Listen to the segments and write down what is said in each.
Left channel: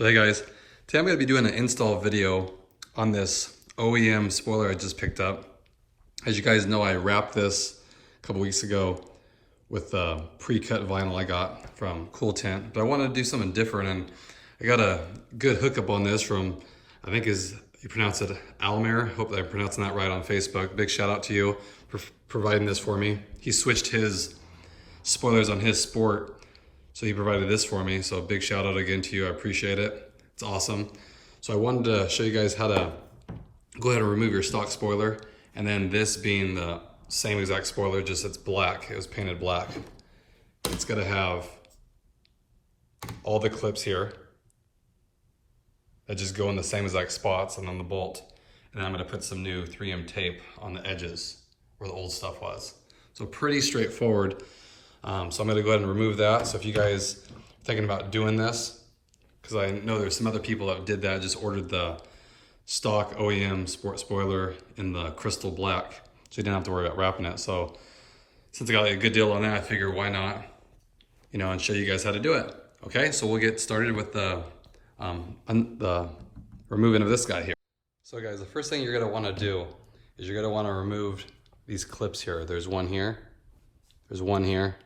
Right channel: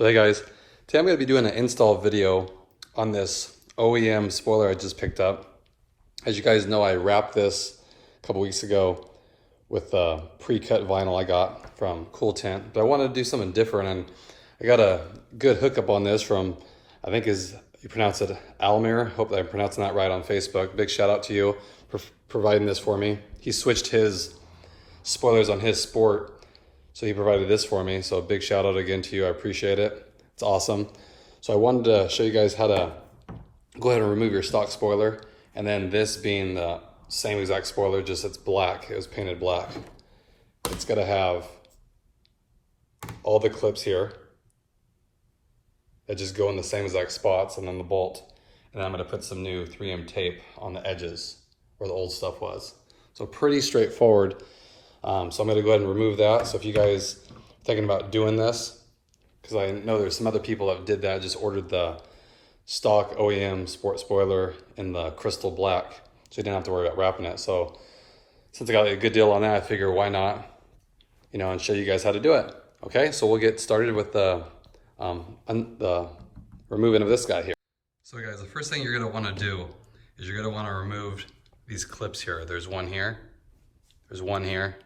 So hey guys, today I'm going to be doing an install video on this OEM spoiler I just picked up. As you guys know, I wrapped this a couple weeks ago with pre-cut vinyl I got from Cool Tent, but I wanted to do something different, and I got a good hookup on this from, I think you pronounce it Almir. Hope that I'm pronouncing that right on Facebook. Big shout out to you for providing this for me. He switched his spoilers on his Sport, so he provided this for me. So big shout out again to you. I appreciate it. It's awesome. So I wanted to show you guys how to go ahead and remove your stock spoiler. And then this being the same exact spoiler, just it's black. It was painted black. It's gonna have all the clips here that just go in the same exact spots and on the bolt. And I'm gonna put some new 3M tape on the edges where the old stuff was. So pretty straightforward. So I'm gonna go ahead and remove that. So if you guys are thinking about doing this, because I know there's some other people that did that, just ordered the stock OEM Sport spoiler in the crystal black, so you didn't have to worry about wrapping it. So since I got a good deal on that, I figure why not, and show you guys how to do it. Okay, so we'll get started with the removing of this guy here. So guys, the first thing you're gonna wanna do is you're gonna wanna remove these clips here. There's one here, there's one here,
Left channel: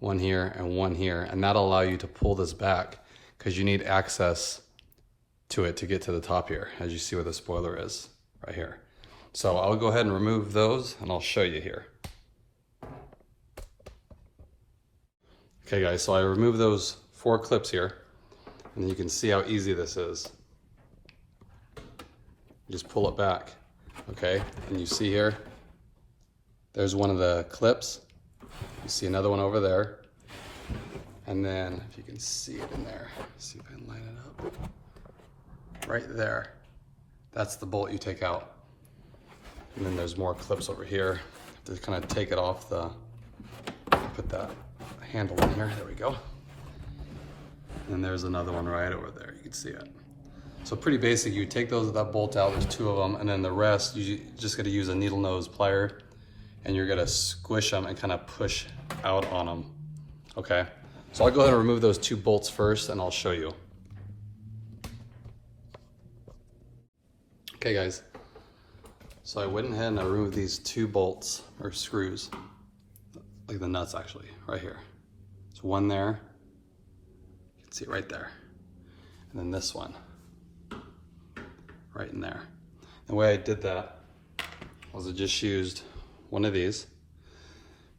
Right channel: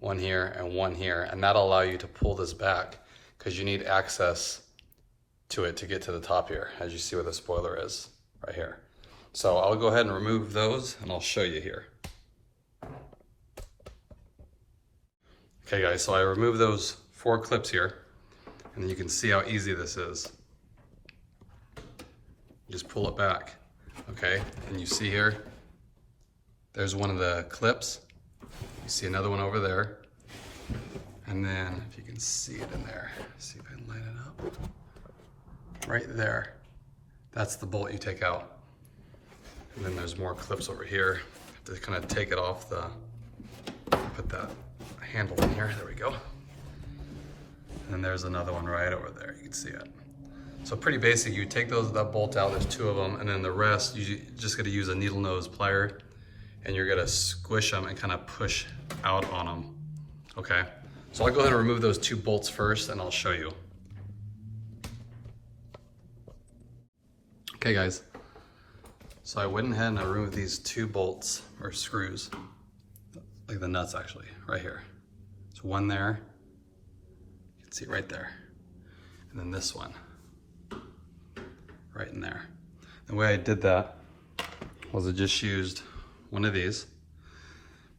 one here, and one here, and that'll allow you to pull this back because you need access to it to get to the top here, as you see where the spoiler is right here. So I'll go ahead and remove those and I'll show you here. Okay guys, so I removed those 4 clips here, and you can see how easy this is. Just pull it back, okay? And you see here, there's one of the clips. You see another one over there. And then, if you can see it in there, see if I can line it up. Right there, that's the bolt you take out. And then there's more clips over here to kind of take it off put that handle in here, there we go. And then there's another one right over there, you can see it. So pretty basic, you take that bolt out, there's 2 of them, and then the rest, you just gotta use a needle nose plier, and you're gonna squish them and kind of push out on them, okay? So I'll go ahead and remove those 2 bolts first, and I'll show you. Okay guys, so I went ahead and I removed these 2 bolts, or screws, like the nuts actually, right here. There's one there, you can see it right there, and then this one, right in there. The way I did that was I just used one of these.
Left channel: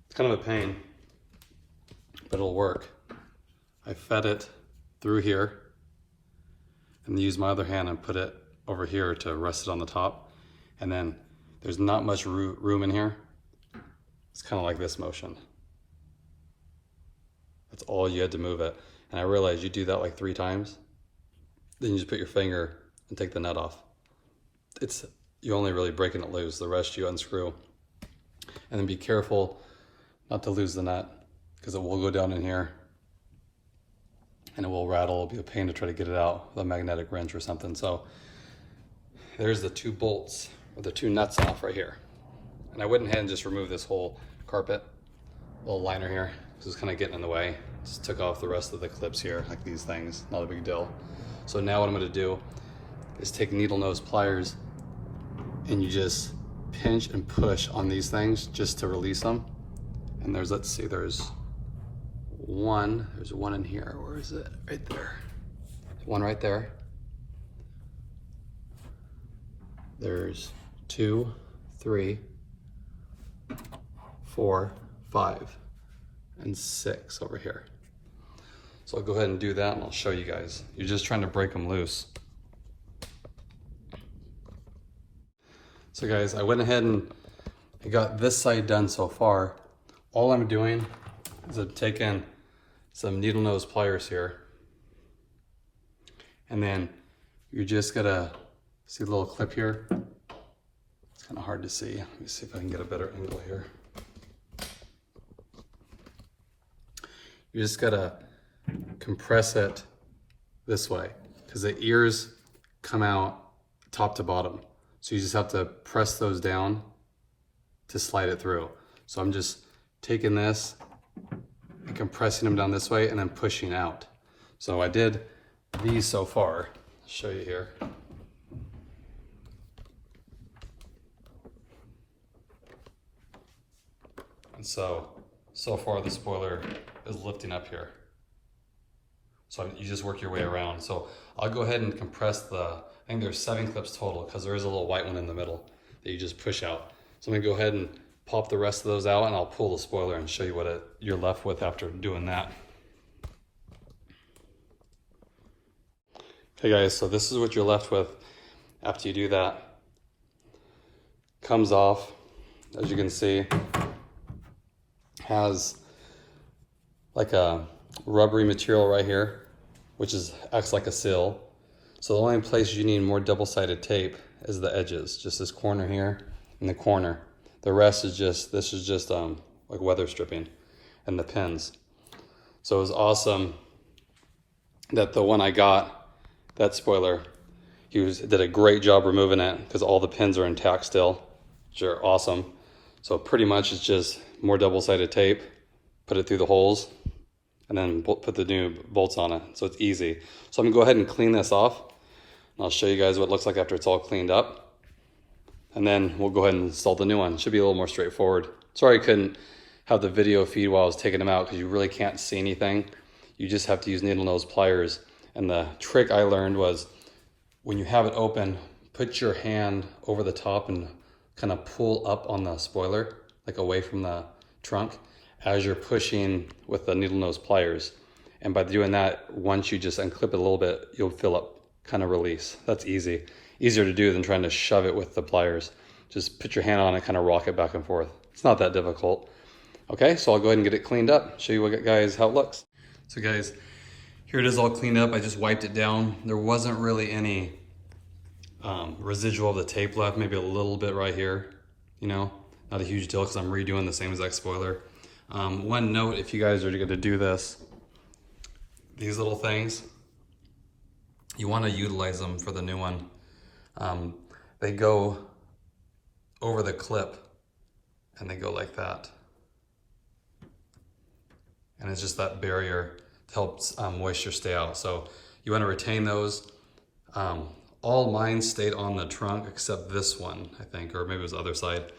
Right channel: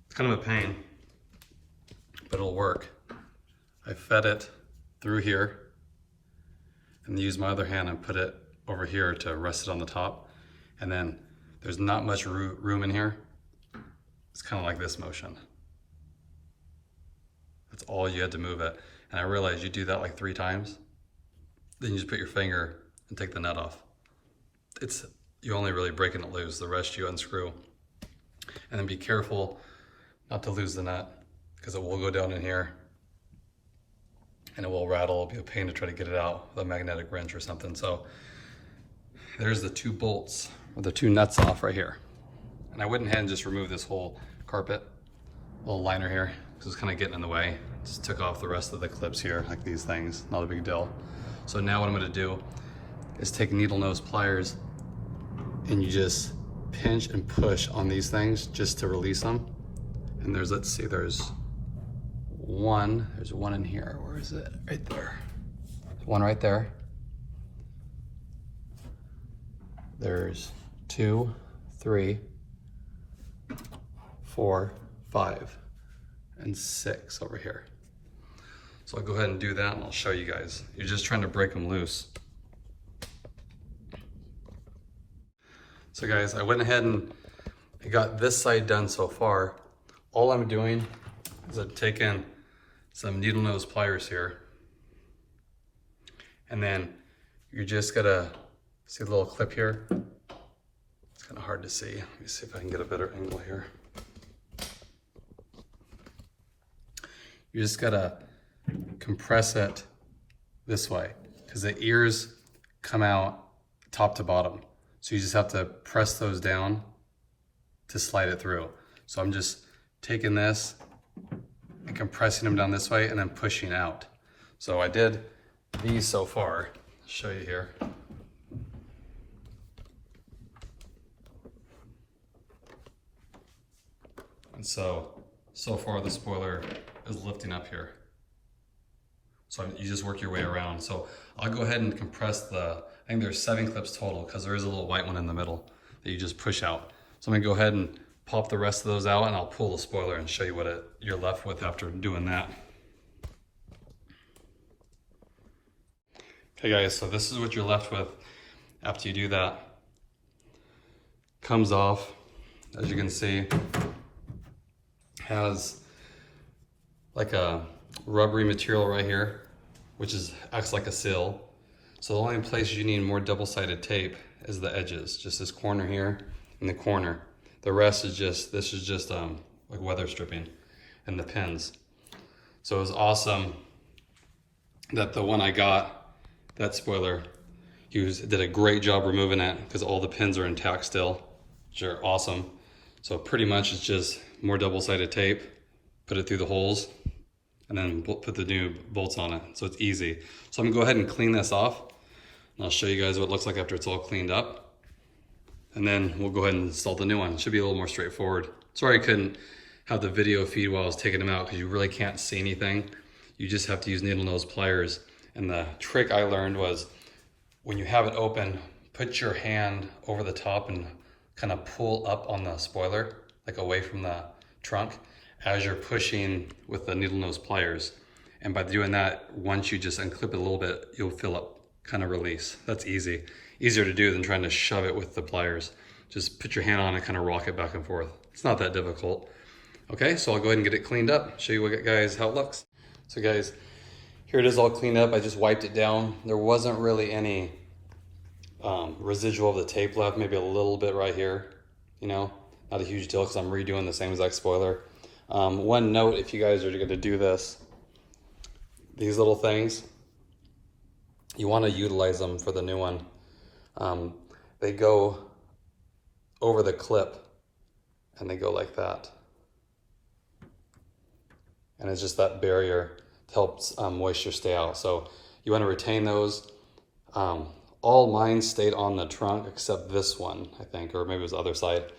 It's kind of a pain, but it'll work. I fed it through here and use my other hand and put it over here to rest it on the top. And then there's not much room in here. It's kind of like this motion. That's all you had to move it. And I realized you do that like 3 times, then you just put your finger and take the nut off. You're only really breaking it loose. The rest you unscrew. And then be careful not to lose the nut, because it will go down in here and it will rattle. It'll be a pain to try to get it out with a magnetic wrench or something. So there's the 2 bolts, or the 2 nuts off right here. And I went ahead and just removed this whole carpet, little liner here, because it's kind of getting in the way. Just took off the rest of the clips here, like these things, not a big deal. So now what I'm gonna do is take needle nose pliers, and you just pinch and push on these things just to release them. And there's, let's see, there's one in here. Where is it? Right there. There's one right there. There's 2, 3, 4, 5, and 6 over here. So I'll go ahead and do that and I'll show you guys. You're just trying to break them loose. So guys, I went ahead and I got this side done so far. All I'm doing is I've taken some needle nose pliers here, and then you just gotta see the little clip here. It's kind of hard to see. Let me see if I can get a better angle here. You just gotta compress it this way, because the ears come out top to bottom. So you just have to press those down to slide it through. So I'm just taking this and compressing them down this way and then pushing out. So I did these so far. I'll show you here. And so far the spoiler is lifting up here. So you just work your way around. So I'll go ahead and compress I think there's 7 clips total because there is a little white one in the middle that you just push out. So I'm gonna go ahead and pop the rest of those out and I'll pull the spoiler and show you what you're left with after doing that. Okay guys, so this is what you're left with after you do that. Comes off, as you can see, has like a rubbery material right here, which acts like a seal. So the only place you need more double-sided tape is the edges, just this corner here and the corner. The rest is just, this is just like weather stripping and the pins. So it was awesome that the one I got, that spoiler, did a great job removing it because all the pins are intact still, which are awesome. So pretty much it's just more double-sided tape, put it through the holes, and then put the new bolts on it. So it's easy. So I'm gonna go ahead and clean this off. And I'll show you guys what it looks like after it's all cleaned up. And then we'll go ahead and install the new one. It should be a little more straightforward. Sorry I couldn't have the video feed while I was taking them out because you really can't see anything. You just have to use needle nose pliers. And the trick I learned was when you have it open, put your hand over the top and kind of pull up on the spoiler, like away from the trunk, as you're pushing with the needle nose pliers. And by doing that, once you just unclip it a little bit, you'll feel it kind of release. That's easy. Easier to do than trying to shove it with the pliers. Just put your hand on it, kind of rock it back and forth. It's not that difficult. Okay, so I'll go ahead and get it cleaned up. Show you guys how it looks. So guys, here it is all cleaned up. I just wiped it down. There wasn't really any residual of the tape left, maybe a little bit right here, you know, not a huge deal because I'm redoing the same exact spoiler. One note, if you guys are going to do this, these little things, you want to utilize them for the new one. They go over the clip and they go like that. And it's just that barrier to help moisture stay out. So you want to retain those. All mine stayed on the trunk except this one, I think, or maybe it was the other side.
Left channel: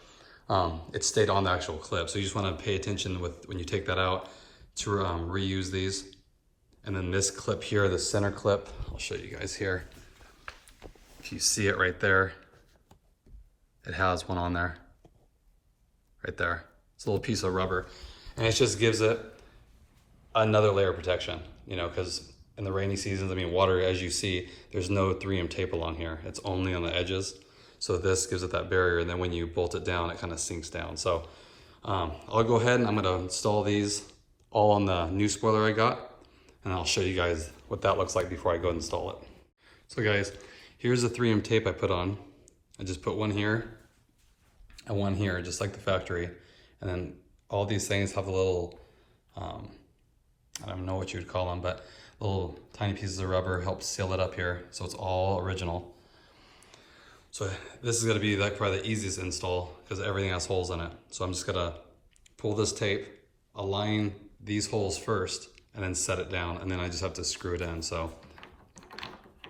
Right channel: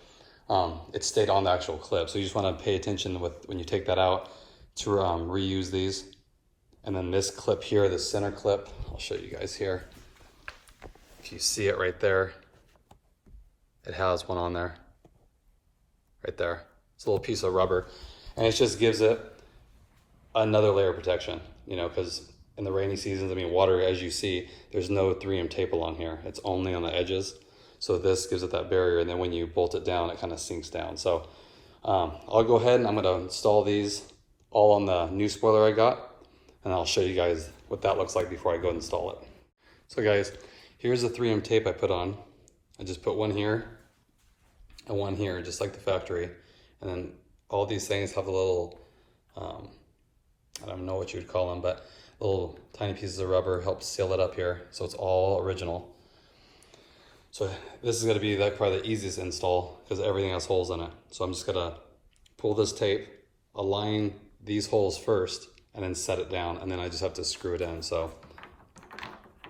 It stayed on the actual clip. So you just want to pay attention when you take that out to reuse these. And then this clip here, the center clip, I'll show you guys here. If you see it right there, it has one on there, right there. It's a little piece of rubber. And it just gives it another layer of protection, you know, because in the rainy seasons, I mean, water, as you see, there's no 3M tape along here. It's only on the edges. So this gives it that barrier, and then when you bolt it down, it kind of sinks down. So I'll go ahead and I'm gonna install these all on the new spoiler I got, and I'll show you guys what that looks like before I go install it. So guys, here's the 3M tape I put on. I just put one here and one here, just like the factory. And then all these things have a little, I don't know what you would call them, but little tiny pieces of rubber help seal it up here. So it's all original. So this is gonna be like probably the easiest install because everything has holes in it. So I'm just gonna pull this tape, align these holes first, and then set it down. And then I just have to screw it in, so.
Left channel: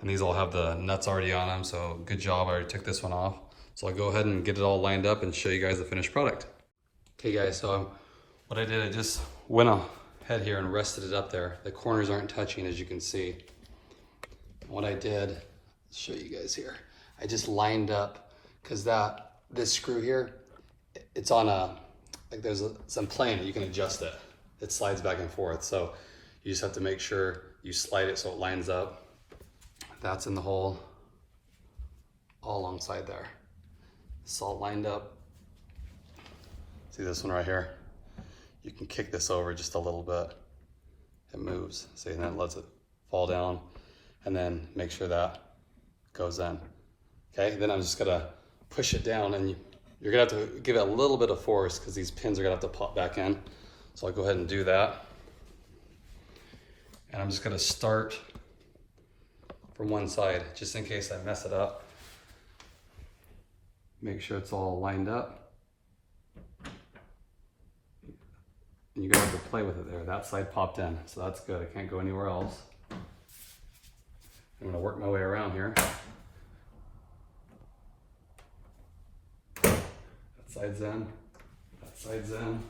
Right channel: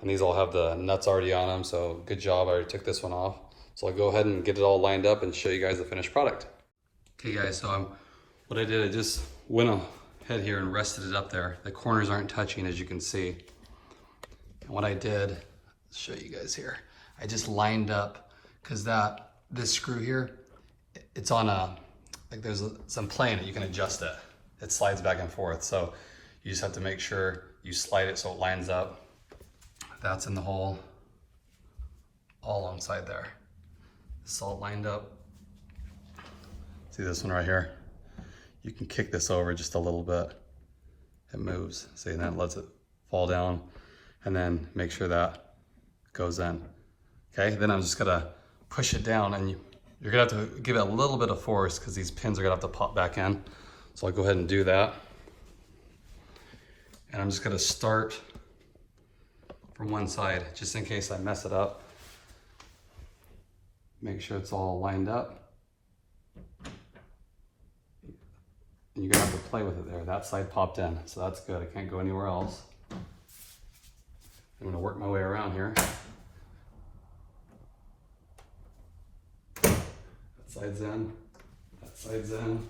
And these all have the nuts already on them, so good job, I already took this one off. So I'll go ahead and get it all lined up and show you guys the finished product. Okay guys, so what I did, I just went ahead here and rested it up there. The corners aren't touching, as you can see. And what I did, let's show you guys here. I just lined up, because this screw here, it's on like there's some plane that you can adjust it. It slides back and forth, so you just have to make sure you slide it so it lines up. That's in the hole, all alongside there. It's all lined up. See this one right here? You can kick this over just a little bit. It moves, so that lets it fall down, and then make sure that goes in. Okay, then I'm just gonna push it down, and you're gonna have to give it a little bit of force because these pins are gonna have to pop back in. So I'll go ahead and do that. And I'm just gonna start from one side, just in case I mess it up. Make sure it's all lined up. And you're gonna have to play with it there. That side popped in, so that's good. I can't go anywhere else. I'm gonna work my way around here. That side's in, that side's in,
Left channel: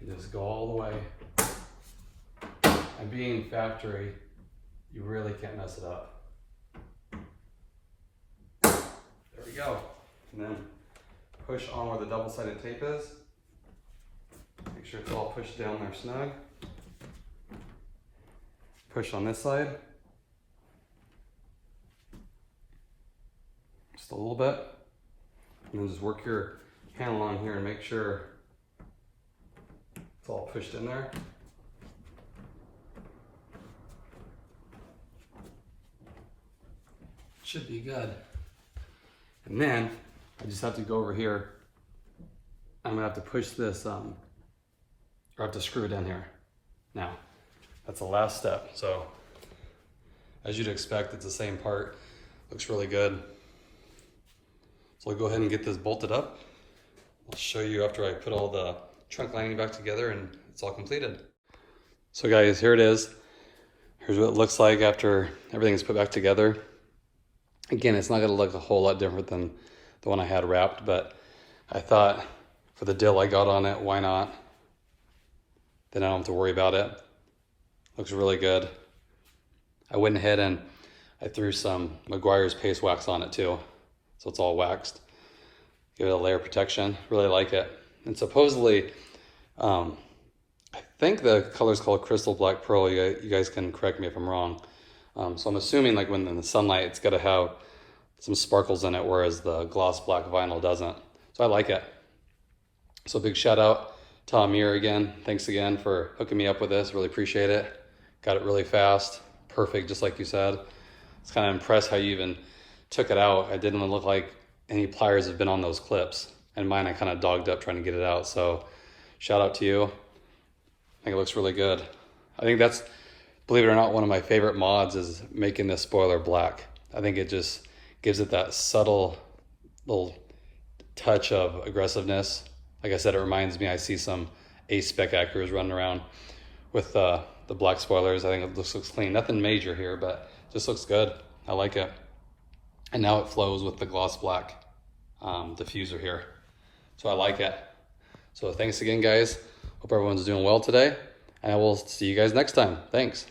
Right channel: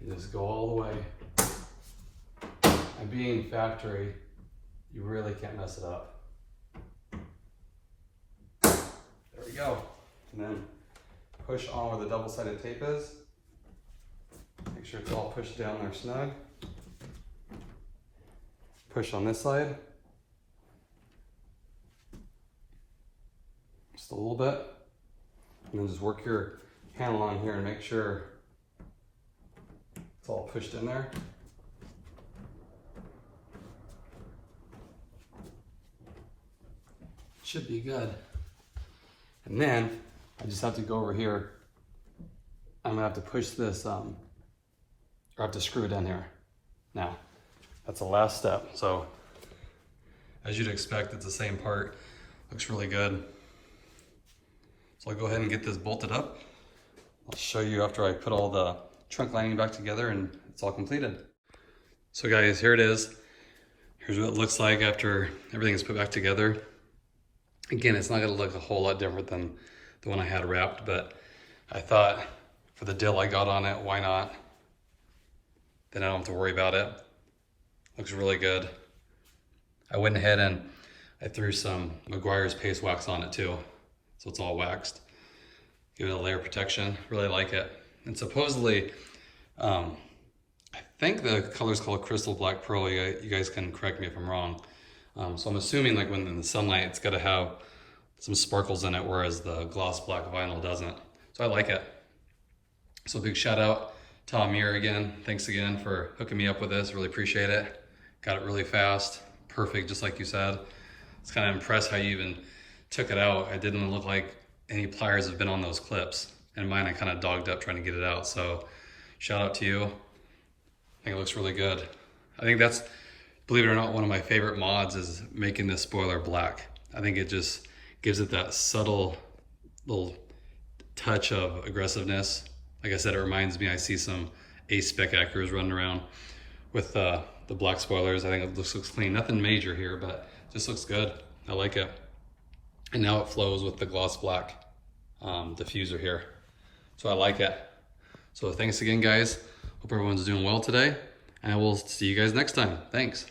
and just go all the way. And being factory, you really can't mess it up. There we go. And then push on where the double-sided tape is. Make sure it's all pushed down there snug. Push on this side. Just a little bit. And then just work your hand along here and make sure it's all pushed in there. Should be good. And then I just have to go over here. I'm gonna have to push this, or I have to screw it in here. Now, that's the last step. So, as you'd expect, it's the same part. Looks really good. So we'll go ahead and get this bolted up. I'll show you after I put all the trunk lining back together and it's all completed. So guys, here it is. Here's what it looks like after everything is put back together. Again, it's not gonna look a whole lot different than the one I had wrapped, but I thought for the deal I got on it, why not? Then I don't have to worry about it. Looks really good. I went ahead and I threw some McGuire's paste wax on it too. So it's all waxed. Give it a layer of protection. Really like it. And supposedly, I think the color is called Crystal Black Pearl. You guys can correct me if I'm wrong. So I'm assuming like when in the sunlight, it's got to have some sparkles in it, whereas the gloss black vinyl doesn't. So I like it. So big shout out to Almir again. Thanks again for hooking me up with this. Really appreciate it. Got it really fast. Perfect, just like you said. I was kind of impressed how you even took it out. It didn't look like any pliers have been on those clips. And mine, I kind of dogged up trying to get it out. So shout out to you. I think it looks really good. I think that's, believe it or not, one of my favorite mods is making this spoiler black. I think it just gives it that subtle little touch of aggressiveness. Like I said, it reminds me, I see some A-spec Acuras running around with the black spoilers. I think it looks clean. Nothing major here, but just looks good. I like it. And now it flows with the gloss black diffuser here. So I like it. So thanks again, guys. Hope everyone's doing well today. And I will see you guys next time. Thanks.